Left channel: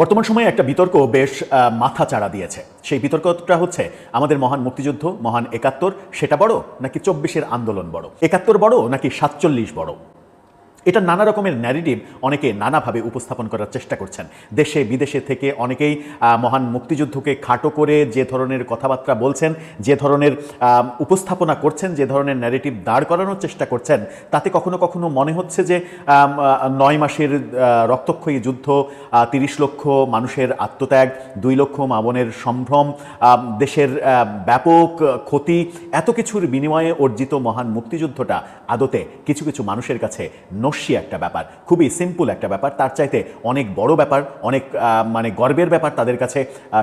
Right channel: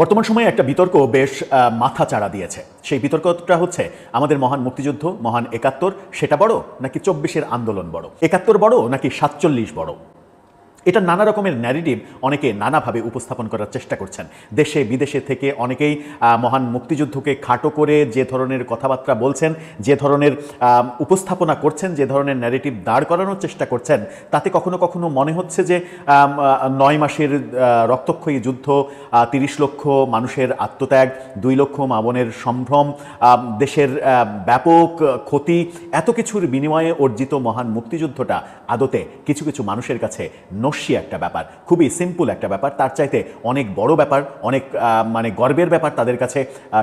বর্তমান সময়ে একটা বিতর্ক বেশ মাথা চাড়া দিয়েছে। সেই বিতর্কটা হচ্ছে আমাদের মহান মুক্তিযুদ্ধ, মহান ৭১ সেটা বড় নাকি ২৪-এর আন্দোলন বড়, ৭১ বড় নাকি ৪৭ বড়। এটা নানা রকমের ন্যারেটিভ অনেকে নানাভাবে উপস্থাপন করার চেষ্টা করছেন। দেশে বিদেশে থেকে অনেকেই মহান মুক্তিযুদ্ধকে খাটো করে যে ধরনের কথাবার্তা বলছেন, যে ধরনের উপস্থাপনা করছেন, যে ধরনের ন্যারেটিভ দাঁড় করানোর চেষ্টা করছেন, তাতে কখনো কখনো মনে হচ্ছে যে ৯ মাসের রক্তক্ষয়ী যুদ্ধ, ৩০ লক্ষ মানুষের আত্মত্যাগ, ২ লক্ষ মা বোনের সম্ভ্রম, দেশের ব্যাপক ক্ষতি, এত কিছুর বিনিময়ে অর্জিত মহান মুক্তিযুদ্ধটা আদতে কিছু কিছু মানুষের কাছে নস্যি একটা ব্যাপার, খুবই সিম্পল একটা ব্যাপার। তার চাইতে অনেক বড় ব্যাপার, অনেক মানে গর্বের ব্যাপার তাদের কাছে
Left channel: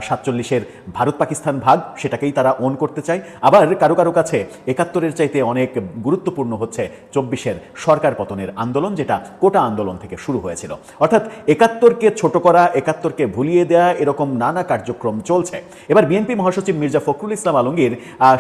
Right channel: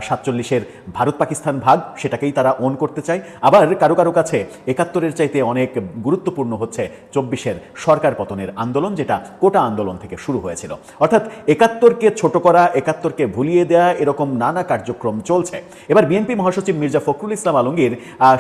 ৪৭-এর ভারত পাকিস্তান ভাগ, সেটাকেই তারা ওন করতে চায়। আবার কারো কারো কাছে ৭১-এর চাইতে অনেক গুরুত্বপূর্ণ হচ্ছে ২৪-এর সরকার পতনের আন্দোলন, যেটা কোটা আন্দোলন থেকে শুরু হয়েছিল। অর্থাৎ ৭১-কে ছোট করা, ৭১-কে ভুলিয়ে দেওয়া, এরকম নানা কার্যক্রম চলছে। এবার বিএনপি মহাসচিব মির্জা ফখরুল ইসলাম আলমগীর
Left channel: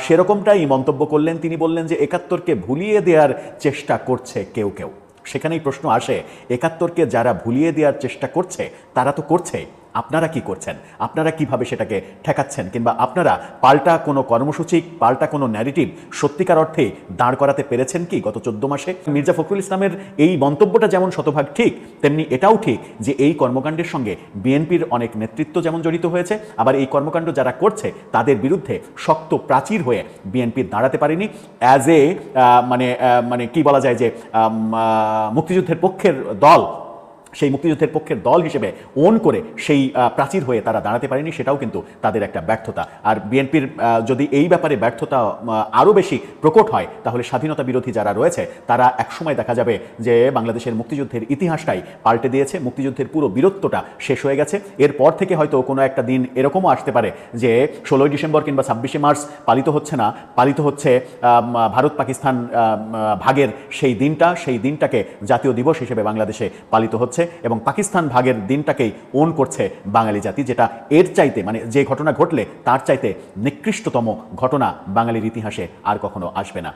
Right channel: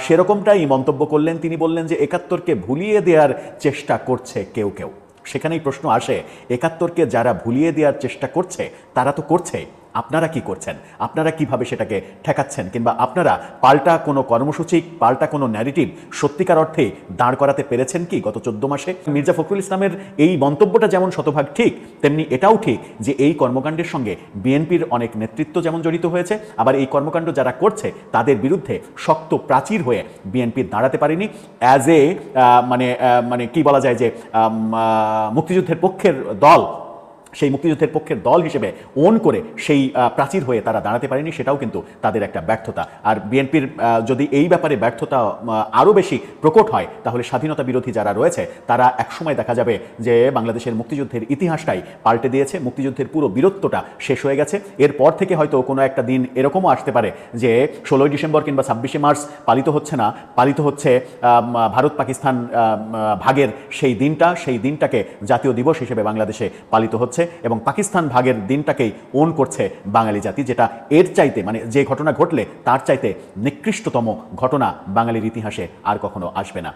সেরকমটাই মন্তব্য করলেন। তিনি বললেন যে ৭১-কে ভুলিয়ে দেওয়ার চেষ্টা করছে কেউ কেউ। সেখানেই প্রশ্ন আসে, ৭১-কে যারা ভুলিয়ে দেওয়ার চেষ্টা করছে তারা তো করছে, আপনারা কি করছেন? আপনারা কিভাবে সেটাকে ঠেকাচ্ছেন? কিংবা আপনারা পাল্টা কোনো কর্মসূচি, পাল্টা কোনো ন্যারেটিভ সত্যিকার অর্থে দাঁড় করাতে পেরেছেন কি গত ১৪ মাসে? মির্জা ফখরুল ইসলামের এই মন্তব্যটা যেমন শতভাগ ঠিক, তেমনি এটাও ঠিক যে এই কর্মকাণ্ডের সঙ্গে বিএনপির অনেক নেতৃত্ব যেমন জড়িত হয়েছে, আবার এই কর্মকাণ্ড যারা করছে তাদের বিরুদ্ধে শক্ত প্রাচীর হয়ে বিএনপি দাঁড়াতে পারেনি। অ্যাজ এ মানে কি বলা যায় যে মুক্তিযুদ্ধের পক্ষের দল, সেই মুক্তিযুদ্ধের পক্ষের দল হিসেবে ওন করে সেই প্রাচীর হয়ে তারা দাঁড়াতে পারেনি, সেটাও কিন্তু তাদের একটা ব্যর্থতা। আর বিএনপির যদি এই ব্যাপারে ব্যর্থতা আরও বেশি প্রকট হয়, তাহলে স্বাধীনতা বিরোধী যারা রয়েছে তারা একসময় দেখা যাবে যে বাংলাদেশের মুক্তিযুদ্ধের ইতিহাসটাই পাল্টে দিয়েছে, মুক্তিযুদ্ধের পুরো বীরত্বটা শেষ হয়ে গেছে। এরপর থেকে হয়তো কোনো একটা দিন এরকমও আসতে পারে যে ১৬ই ডিসেম্বর কিংবা ২৬শে মার্চ পালিত হচ্ছে না, পালিত হচ্ছে ভারত পাকিস্তান ভাগের সেই দিনটা, সেই দিনটাকে জাতীয় দিবস হিসেবে বাংলাদেশে পালিত হচ্ছে এবং পাকিস্তান ভাগের দিনটাকেই ওন করছে বাঙালি জাতি, যেটা এর চাইতে মানে যে ঘটনা ঘটলে তার চাইতে নিকৃষ্টতম ঘটনা বাঙালির ইতিহাসে আর কখনো আসবে না।